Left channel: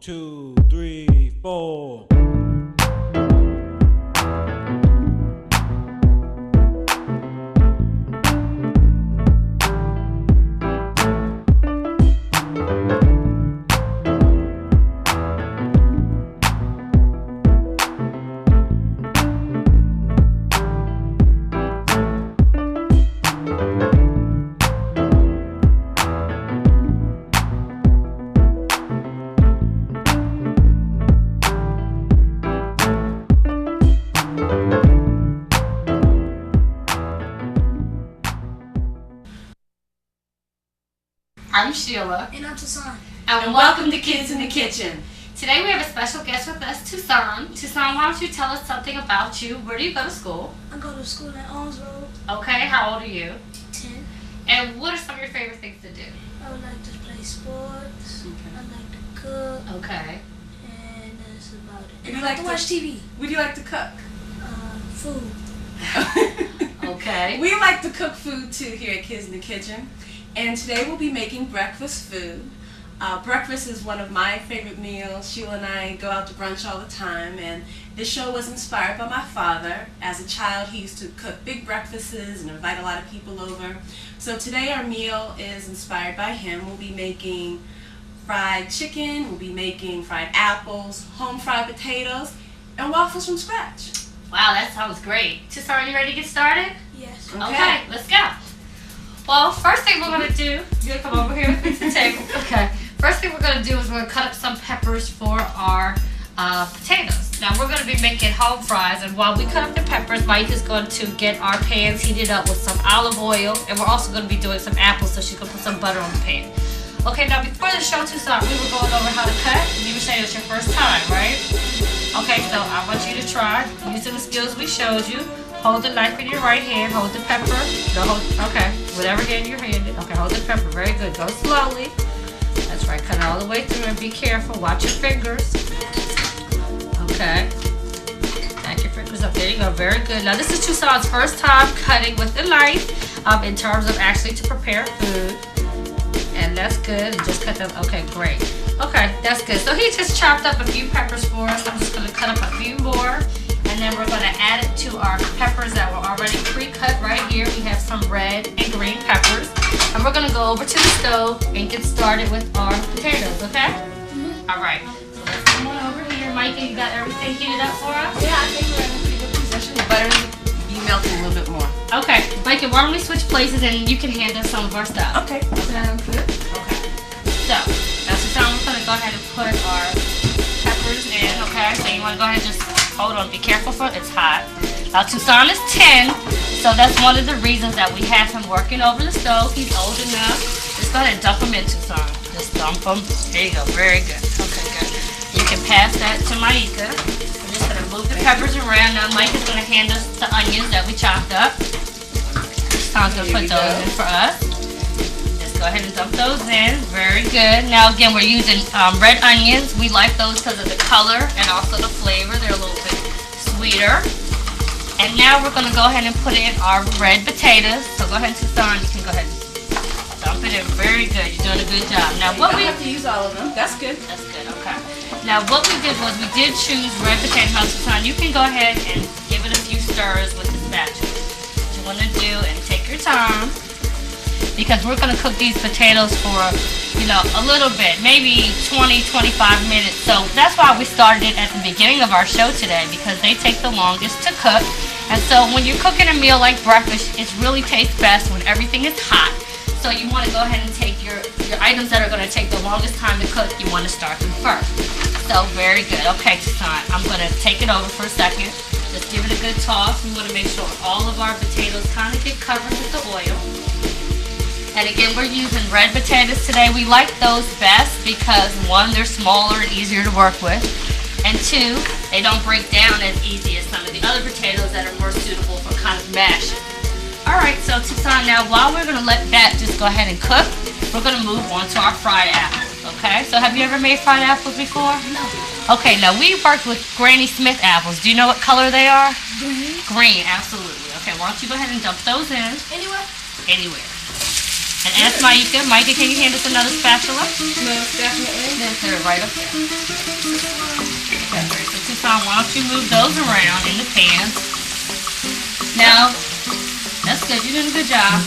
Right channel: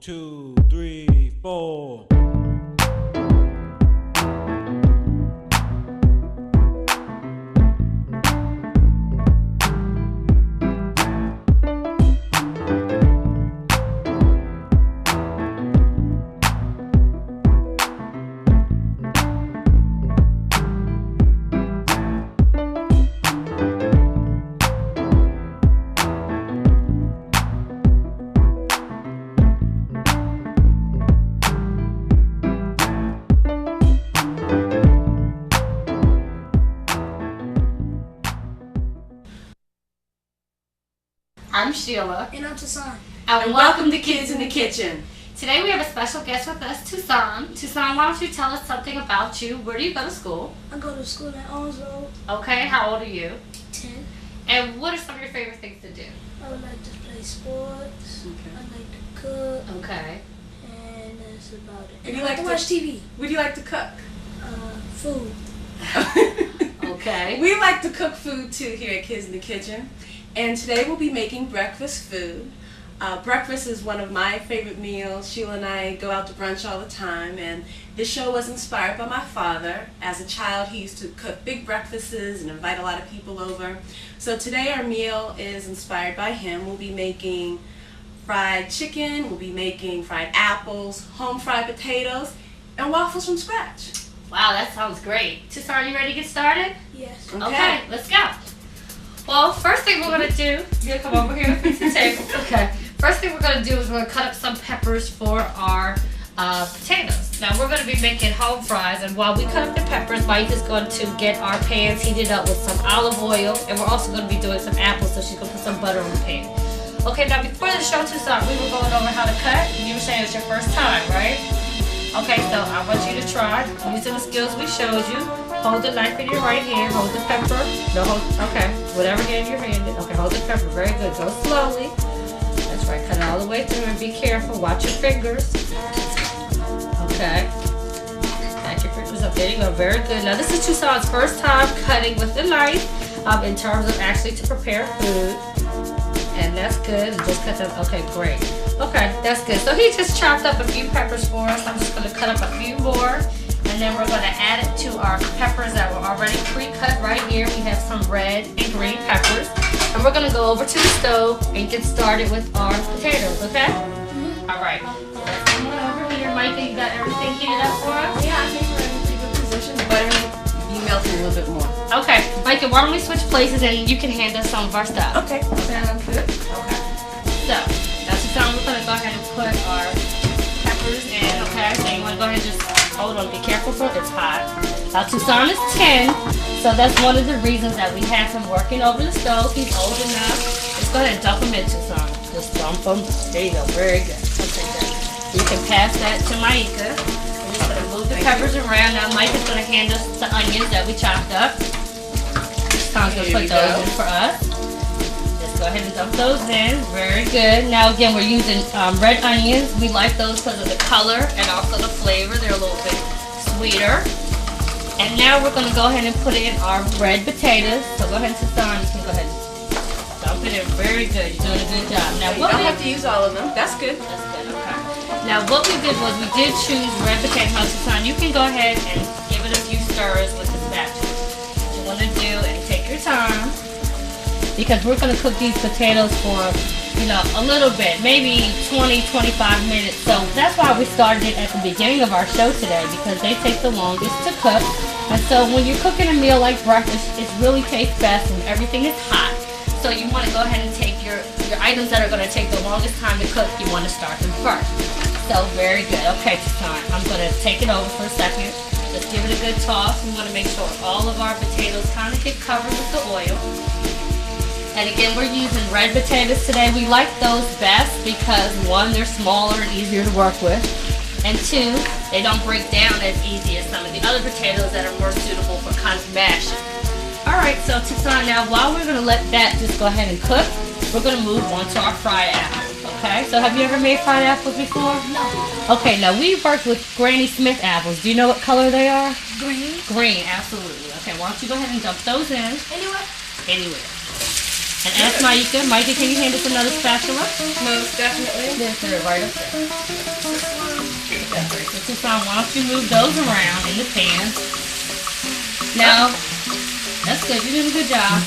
2, 3, 4. I'm Sheila. And I'm Tuson. And welcome to Kids in the Kitchen. Today we have a special guest with us, Tuson. Tuson, why don't you tell us something about you? Where do you go to school? I go to school in Owensboro. Okay, how old are you? 10. And what are some of your favorite things to do? I would like to play sports. Okay. I like to cook. Okay. And that's about it. And you I like to to- watch TV. What do you like to cook? Food. Okay. We like to cook food too here at Kids in the Kitchen. And today we'll be making breakfast food. Breakfast is one of my favorite meals. Sheila and I go out to brunch all the time, and this show was inspired by my father. As a child, he used to cook big breakfasts and invite a lot of people over. So today our meal is inspired by him. We'll be making fried chicken, we'll be making fried apples, home fried potatoes, and waffles from scratch. Wow, that sounds great. Tuson, are you ready to get started? Yes. Okay, let's go. Well, first thing we're going to do, you're going to come over here and fix the table. Okay. First thing we're going to do is we're going to cut up some peppers for our potatoes. Now, we're going to be making home fries, and while we cut up the peppers, Mike is going to get our pans heated up with some olive oil, and we're also going to be doing some apples, so she's going to put some butter on the pan. Okay, now before the show started, we were going over how to cut, and you were saying it's your first time, right? Okay, so I want you to try using the skills we showed you. Hold the knife in your right hand, hold the pepper. No, okay, whatever hand you're handed. Okay, hold the pepper, very good. Go slowly. That's right, cut it all the way through and be careful. Watch your fingers. Okay. Back your fingers up. There you go, very good. Now this is Tuson's first time cutting with the knife in terms of actually to prepare food. And that's good. And just cut them. Okay, great. Okay, that's good. So he just chopped up a few peppers for us. I'm just going to cut up a few more. And then we're going to add it to our peppers that were already pre-cut right here. We have some red and green peppers. And we're going to go over to the stove and get started with our potatoes, okay? All right. Come on over here, Mikey. You got everything heated up for us? Yeah, I think we're in a pretty good position. The butter be melting a little bit more. Okay. Mikey, why don't we switch places and you can hand us some of our stuff. Okay, sounds good. Okay. So, that's the time we're going to go ahead and put our peppers in, okay? So you want to go ahead and just hold on. Be careful for it. It's hot. Now, Tuson is 10, so that's one of the reasons that we have him working over the stove. He's old enough. Just go ahead and dump him in, Tuson. Just dump him. There you go. Very good. Okay, good. You can pass that to Maika. We're just going to move the peppers around. Now, Mike is going to hand us the onions that we chopped up. Tuson's going to put those in for us. Go ahead and dump those in. Very good. Now again, we're using red onions. We like those because of the color and also the flavor. They're a little bit sweeter. And now we're going to go ahead and put in our red potatoes. So go ahead, Tuson. You can go ahead and dump it in. Very good. You're doing a good job. Now what we have to use all of them. That's good. That's good. Okay. Now what we did was we did choose red potato. Now, Tuson, you can go ahead and give it a few stirs with the spatula. What you want to do, and take your time, because we're going to cook these potatoes for, a little bit, maybe 20-25 minutes. So that's why we started it at the beginning of our show today, because they take the longest to cook. And so when you're cooking a meal like breakfast, it really tastes best when everything is hot. So you want to go ahead and take your items that are going to take the longest time to cook, you want to start them first. So very good. Okay, Tuson, I'm going to take it over for a second. Just give it a good toss. We want to make sure all of our potatoes kind of get covered with the oil. And again, we're using red potatoes today. We like those best because, one, they're smaller and easier to work with. And two, they don't break down as easy as some of the other potatoes that are more suitable for kind of mashing. Alright, so Tuson, now while we're going to let that just go ahead and cook, we're going to move on to our fried apples. Okay, so have you ever made fried apples before? No. Okay, now we worked with Granny Smith apples. Do you know what color they are? Green. Green, absolutely. Okay, why don't you go ahead and dump those in. Anywhere? Anywhere. And ask Maika. Maika, can you hand us another spatula? Most definitely. Then throw it right up there. Okay, so Tuson, why don't you move those around in the pan? Now, that's good. You did a good job.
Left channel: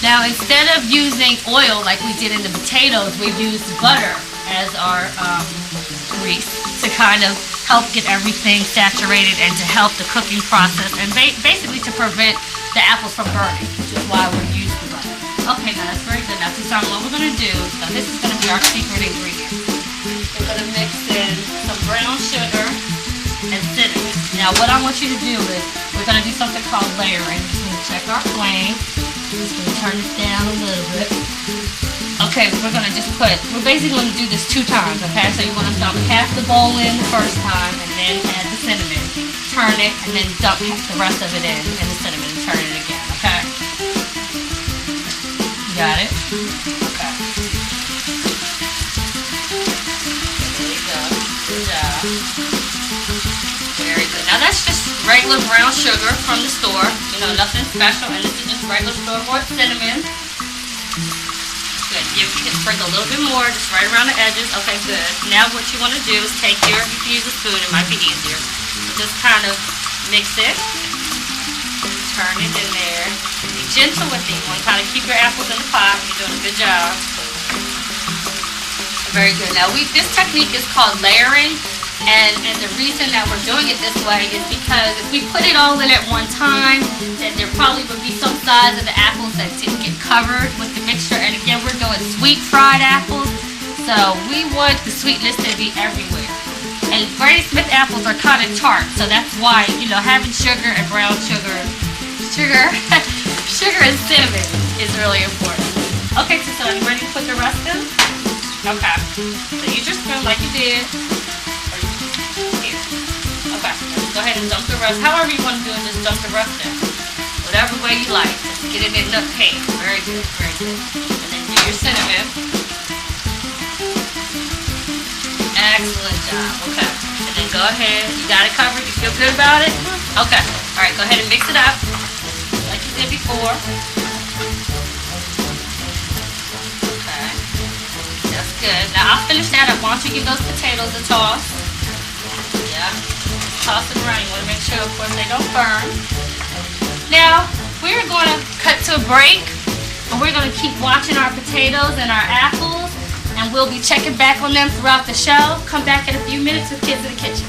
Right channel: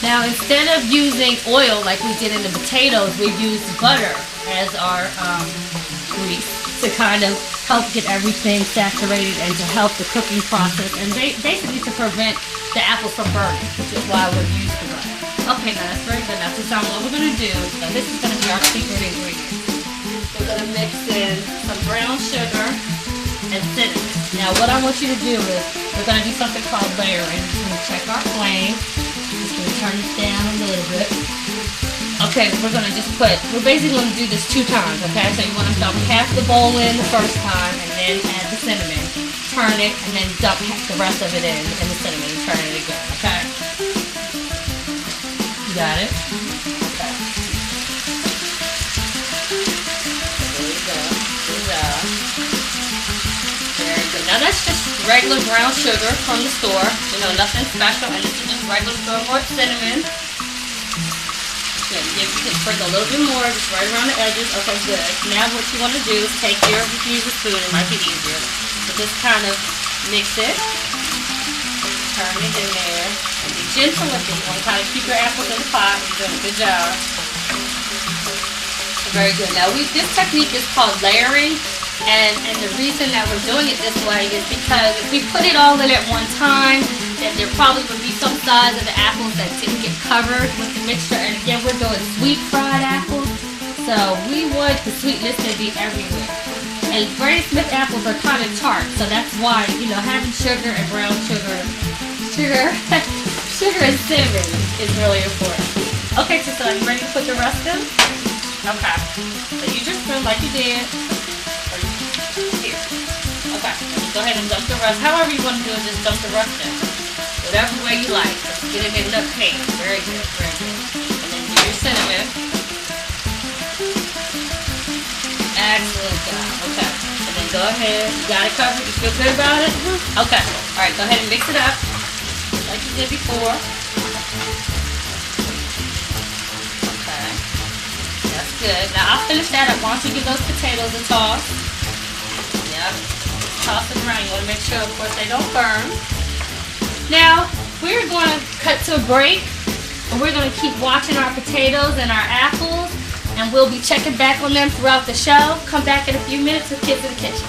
Now, instead of using oil like we did in the potatoes, we used butter as our grease to kind of help get everything saturated and to help the cooking process and basically to prevent the apples from burning, which is why we use the butter. Okay, now that's very good. Now, Tuson, what we're going to do, this is going to be our secret ingredient. We're going to mix in some brown sugar and cinnamon. Now, what I want you to do is we're going to do something called layering. We're going to check our flame. Just going to turn this down a little bit. Okay, we're going to just we're basically going to do this 2 times, okay? So you want to dump half the bowl in the first time and then add the cinnamon. Turn it and then dump the rest of it in and the cinnamon and turn it again, okay? You got it? Okay. There you go. Good job. Very good. Now that's just regular brown sugar from the store. You know, nothing special. And this is just regular store-bought cinnamon. You can sprinkle a little bit more, just right around the edges. Okay, good. Now what you want to do is take you can use a spoon, it might be easier. But just kind of mix it, turn it in there, and be gentle with it. You want to kind of keep your apples in the pot. You're doing a good job. Very good. Now this technique is called layering, and the reason that we're doing it this way is because if we put it all in at one time, then there probably would be some sides of the apples that didn't get covered with the mixture. And again, we're doing sweet fried apples, so we want the sweetness to be everywhere. And Granny Smith apples are kind of tart, so that's why, you know, having sugar and brown sugar and cinnamon is really important. Okay, Tuson, you ready to put the rest in? Okay. So you just feel like you did. Here. Okay. Go ahead and dump the rest. However you want to do it, just dump the rest in. Whatever way you like. Just get it in the cake. Very good, very good. And then do your cinnamon. Excellent job. Okay. And then go ahead. You got it covered? You feel good about it? Okay. Alright, go ahead and mix it up. Like you did before. Okay. That's good. Now I'll finish that up. Why don't you give those potatoes a toss? Yep. Toss them around. You want to make sure, of course, they don't burn. Now, we're going to cut to a break, and we're going to keep watching our potatoes and our apples, and we'll be checking back on them throughout the show. Come back in a few minutes with Kids in the Kitchen.